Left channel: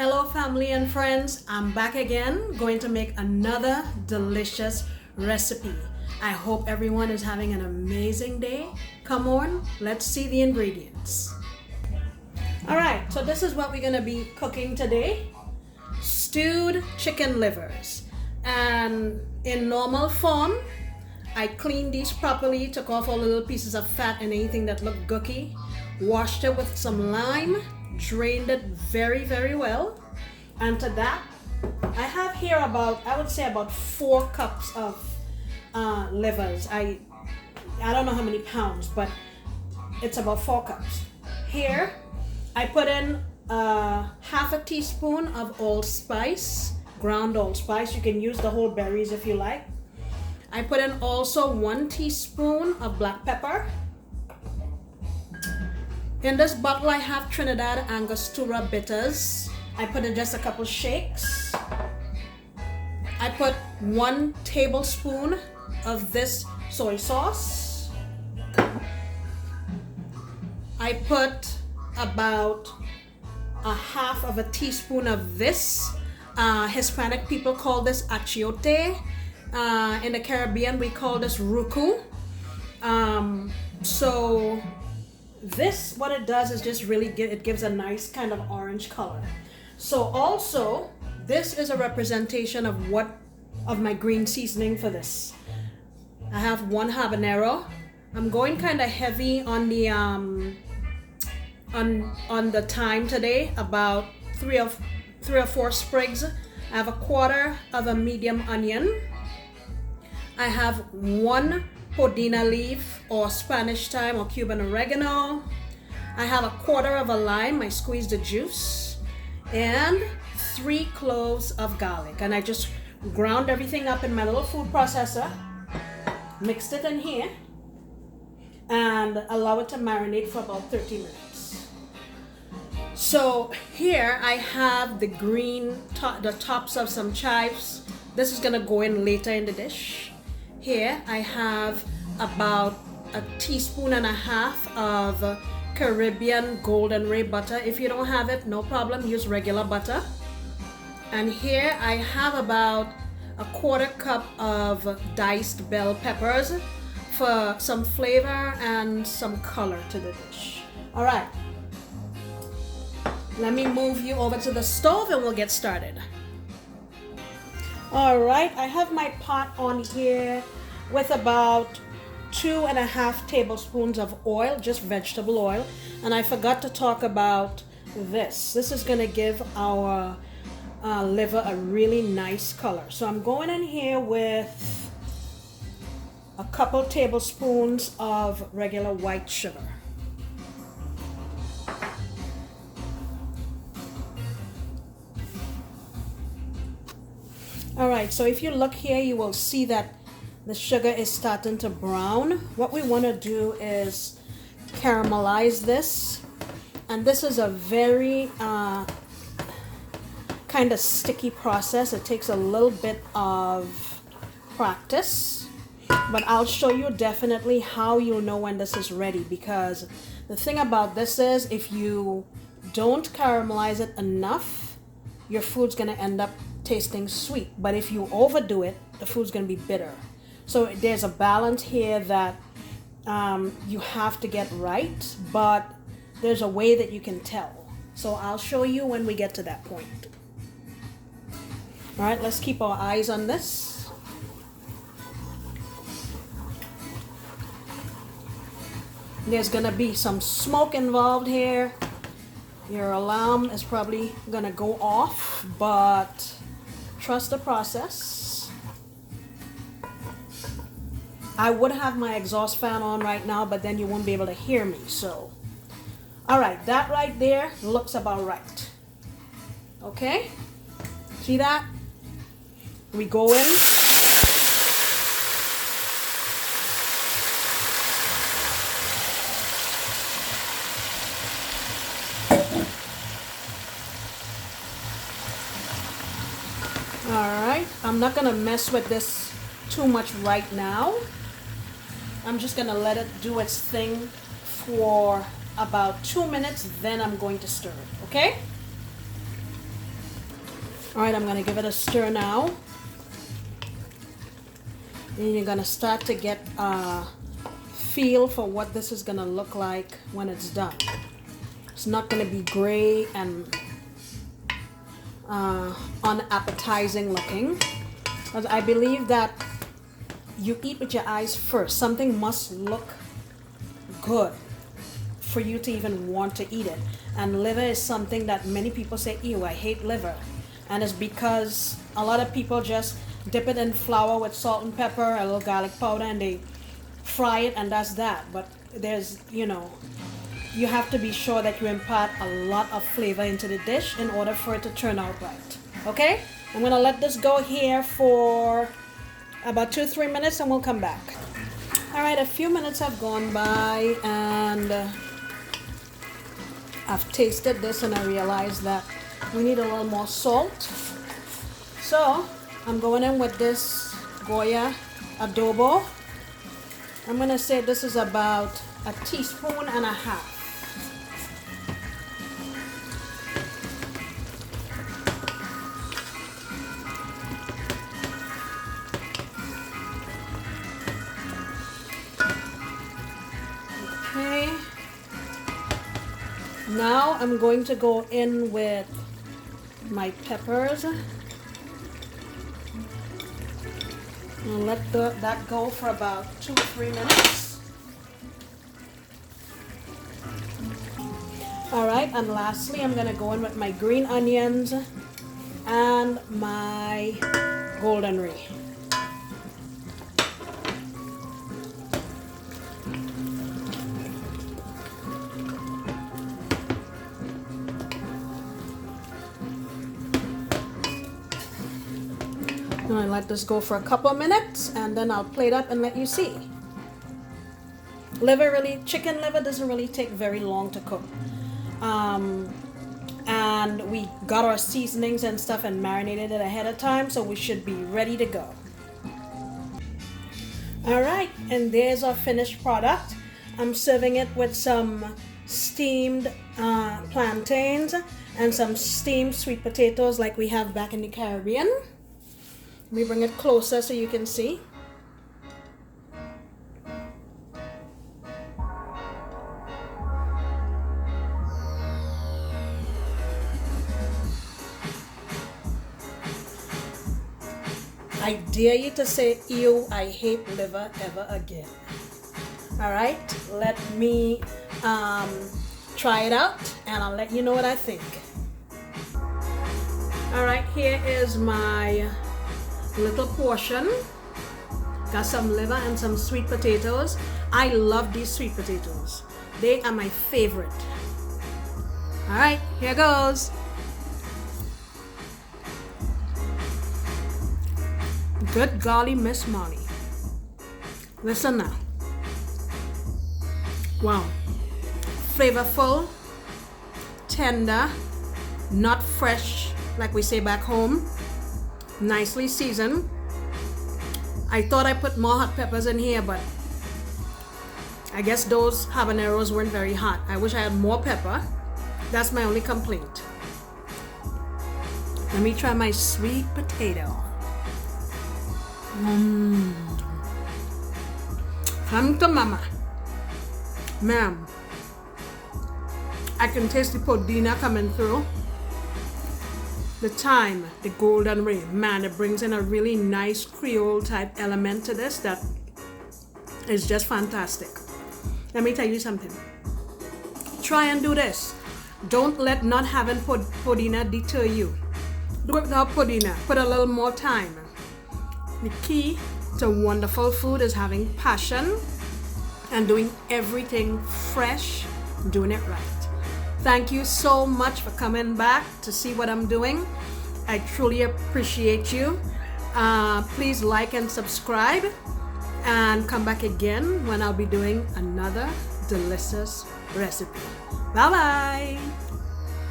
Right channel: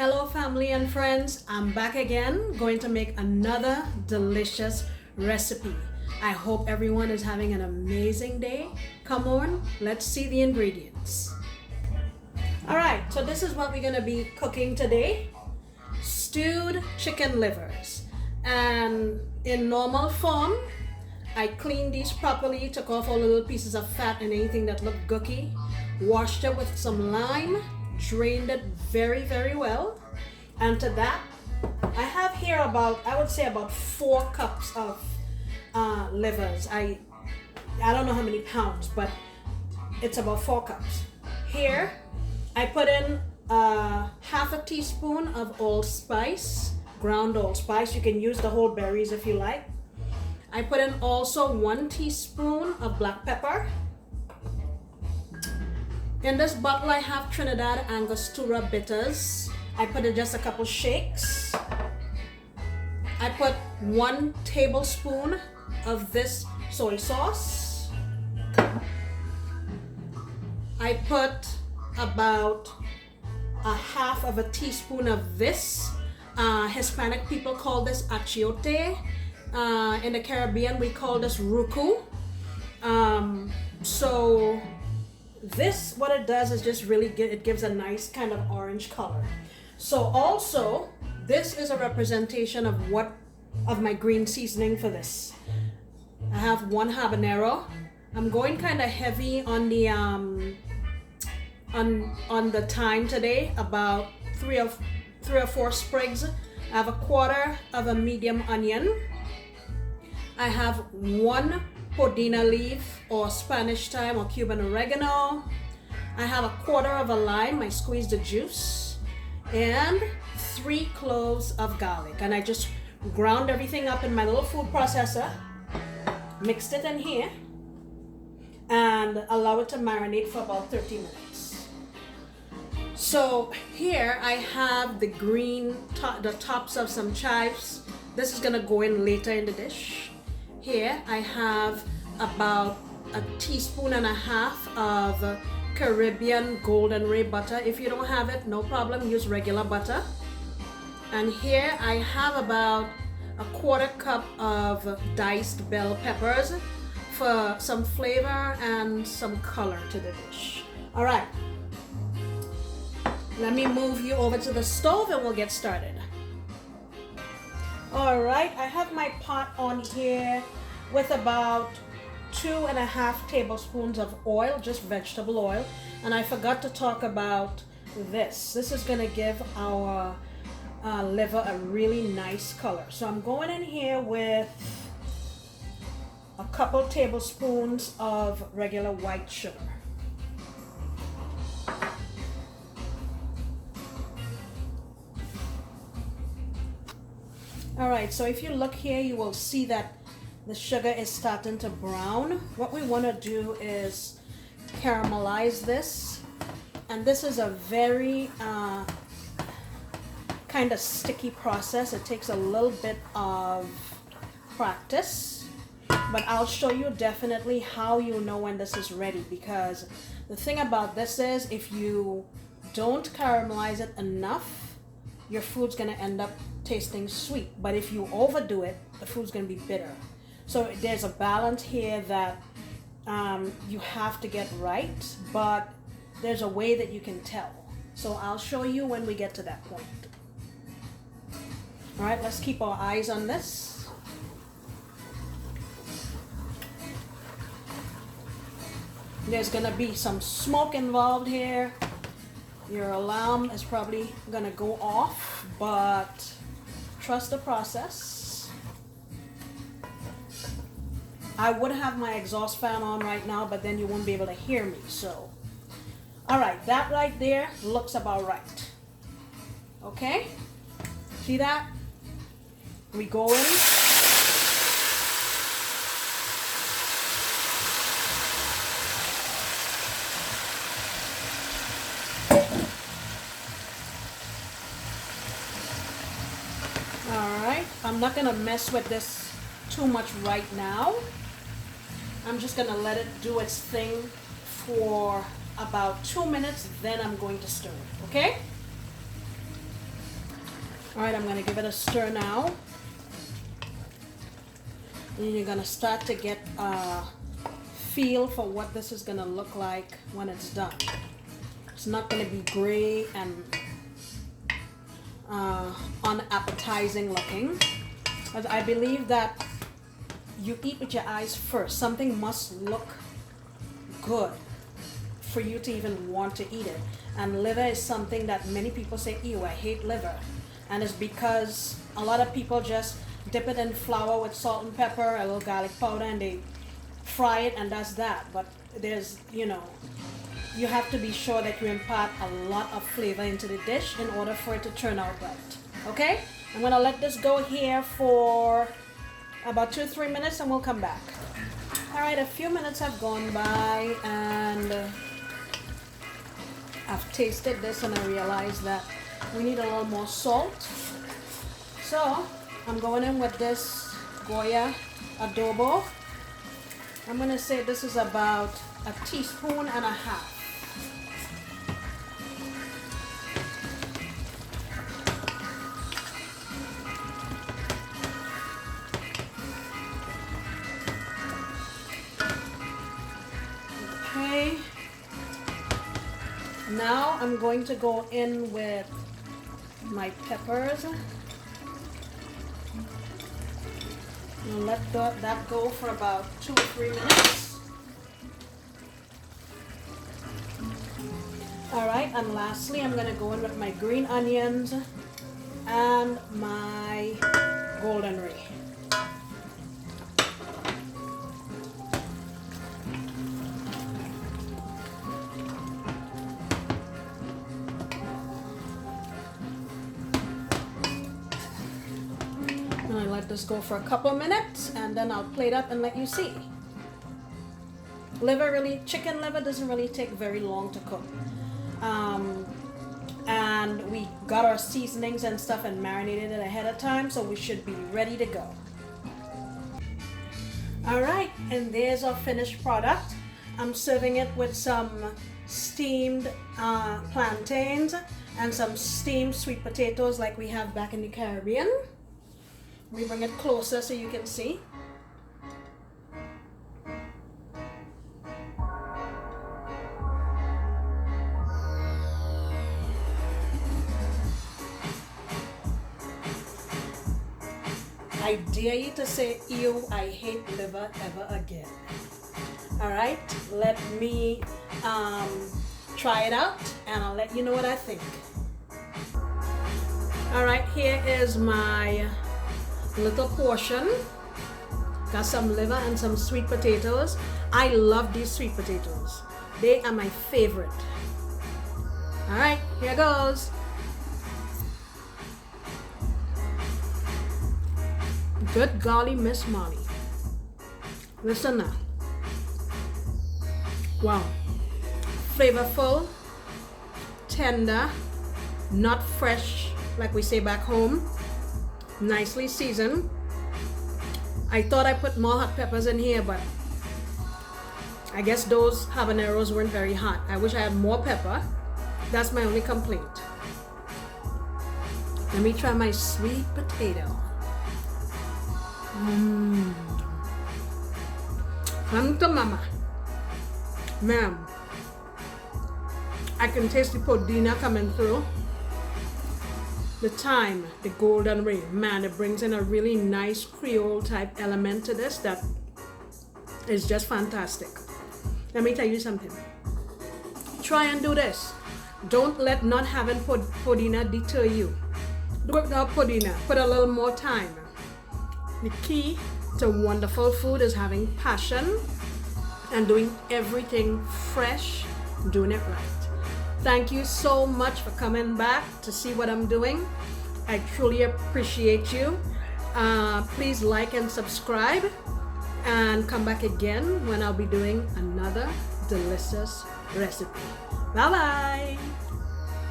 Hello family and friends, I'm back again going to make another delicious recipe. I hope everyone is having an amazing day. Come on, let's see the ingredients. Alright, so this is what we're going to be cooking today. Stewed chicken livers. And in normal form, I cleaned these properly, took off all the little pieces of fat and anything that looked gooky, washed it with some lime, drained it very well, and to that I have here I would say about 4 cups of livers. I don't know how many pounds, but it's about 4 cups. Here I put in half a teaspoon of allspice, ground allspice. You can use the whole berries if you like. I put in also 1 teaspoon of black pepper. In this bottle I have Trinidad Angostura bitters. I put in just a couple shakes. I put 1 tablespoon of this soy sauce. I put about a half of a teaspoon of this. Hispanic people call this achiote. In the Caribbean we call this ruku. So this, what it does is just really it gives a nice kind of orange color. So also, this is a representation of my green seasoning for this. I have 1 habanero. I'm going kind of heavy on the on the thyme today, about 3 or 4 sprigs. I have 1/4 of a medium onion. I have 1 podina leaf or Spanish thyme or Cuban oregano. I have 1/4 of a lime. I squeezed the juice, and 3 cloves of garlic. And I just ground everything up in my little food processor, mixed it in here, and allow it to marinate for about 30 minutes. So here I have the the tops of some chives. This is gonna go in later in the dish. Here I have about 1.5 teaspoons of Caribbean Golden Ray butter. If you don't have it, no problem, use regular butter. And here I have about 1/4 cup of diced bell peppers for some flavor and some color to the dish. All right, let me move you over to the stove and we'll get started. All right, I have my pot on here with about 2.5 tablespoons of oil, just vegetable oil. And I forgot to talk about this. This is gonna give our liver a really nice color. So I'm going in here with a couple tablespoons of regular white sugar. All right, so if you look here, you will see that the sugar is starting to brown. What we want to do is caramelize this. And this is a very kind of sticky process. It takes a little bit of practice. But I'll show you definitely how you know when this is ready. Because the thing about this is, if you don't caramelize it enough, your food's going to end up tasting sweet. But if you overdo it, the food's going to be bitter. So there's a balance here that you have to get right, but there's a way that you can tell. So I'll show you when we get to that point. All right, let's keep our eyes on this. There's gonna be some smoke involved here. Your alarm is probably gonna go off, but trust the process. I would have my exhaust fan on right now, but then you won't be able to hear me. So, all right, that right there looks about right. Okay, see that? We go in. All right, I'm not gonna mess with this too much right now. I'm just gonna let it do its thing for about 2 minutes, then I'm going to stir it, okay? All right, I'm gonna give it a stir now. And you're gonna start to get a feel for what this is gonna look like when it's done. It's not gonna be gray and unappetizing looking. But I believe that you eat with your eyes first. Something must look good for you to even want to eat it. And liver is something that many people say, ew, I hate liver. And it's because a lot of people just dip it in flour with salt and pepper, a little garlic powder, and they fry it, and that's that. But there's, you have to be sure that you impart a lot of flavor into the dish in order for it to turn out right. Okay? I'm gonna let this go here for about 2-3 minutes and we'll come back. All right, a few minutes have gone by and I've tasted this and I realized that we need a little more salt. So I'm going in with this Goya adobo. I'm gonna say this is about 1.5 teaspoons. Okay. Now I'm going to go in with my peppers. And let that go for about 2-3 minutes. All right, and lastly, I'm gonna go in with my green onions and my golden ray. I'm gonna let this go for a couple minutes and then I'll plate up and let you see. Chicken liver doesn't really take very long to cook. And we got our seasonings and stuff and marinated it ahead of time, so we should be ready to go. All right, and there's our finished product. I'm serving it with some steamed plantains and some steamed sweet potatoes like we have back in the Caribbean. Let me bring it closer so you can see. I dare you to say, ew, I hate liver ever again. All right, let me try it out and I'll let you know what I think. All right, here is my little portion. Got some liver and some sweet potatoes. I love these sweet potatoes. They are my favorite. All right, here goes. Good golly, Miss Molly. Listen now. Wow. Flavorful, tender, not fresh like we say back home. Nicely seasoned. I thought I put more hot peppers in here, but I guess those habaneros weren't very hot. I wish I had more pepper. That's my only complaint. Let me try my sweet potato. Come to mama. Ma'am, I can taste the podina coming through. The thyme, the golden ray, man, it brings in a really nice Creole type element to this that is just fantastic. Let me tell you something. Try and do this. Don't let not having podina deter you. Do it without podina. Put a little more thyme. The key to wonderful food is having passion and doing everything fresh, doing it right. Thank you so much for coming back to see what I'm doing. I truly appreciate you. Please like and subscribe and come back again when I'll be doing another delicious recipe. Bye-bye.